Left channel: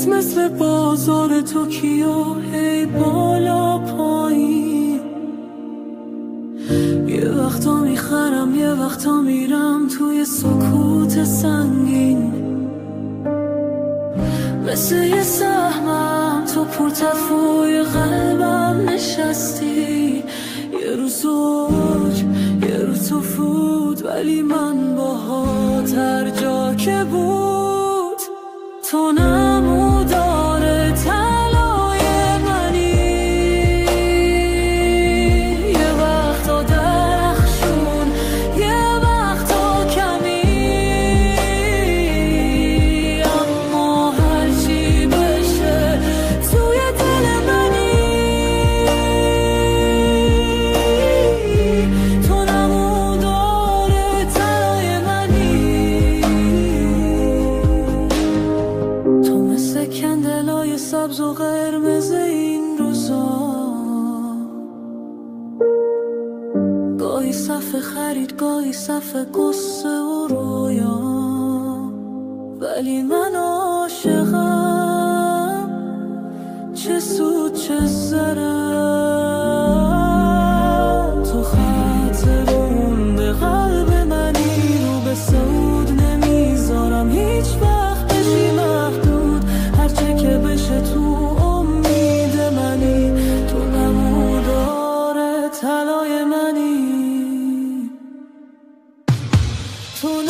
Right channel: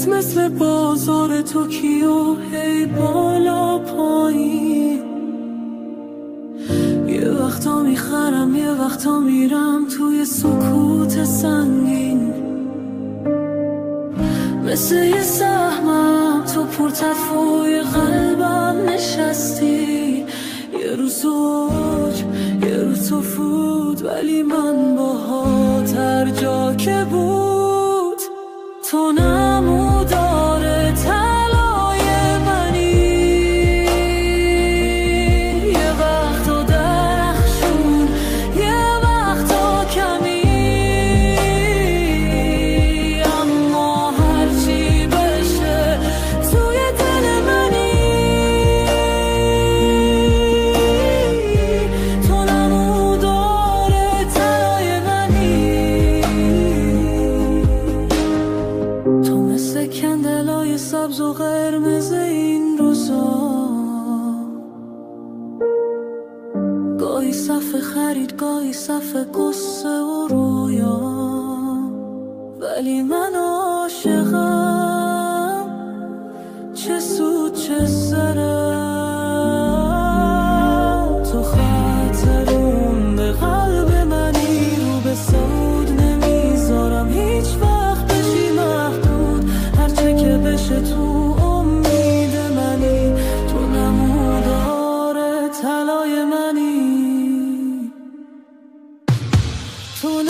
دلت مثل بازار توکیو، هی بالا پایین. یه وقتا میخرم یه وقتا میرم توی سکوت سنگین. مثل یه سهمم تو پرتفوی قلبم نشستی. یه روز اوج یه روز تو فرود، ولی من باهات هر جا که بود. تو نمودار طلای منی، یه وقتا درخشون یه وقتا کمی. اما هرچی بشه توی دل منی. تو نمودار طلای منی. تو مثل کندلای سبز و قرمز این روزا، گاهی صف خرید گاهی صف قصه و رویا. ولی من عاشقم، چه سود چه ضرر. تو خط رونده قلب منی، رو به سود نمیذارم هیچ وقت بشی محدود. هرچه که بشه تو امید منی. تو نمودار طلای منی. تو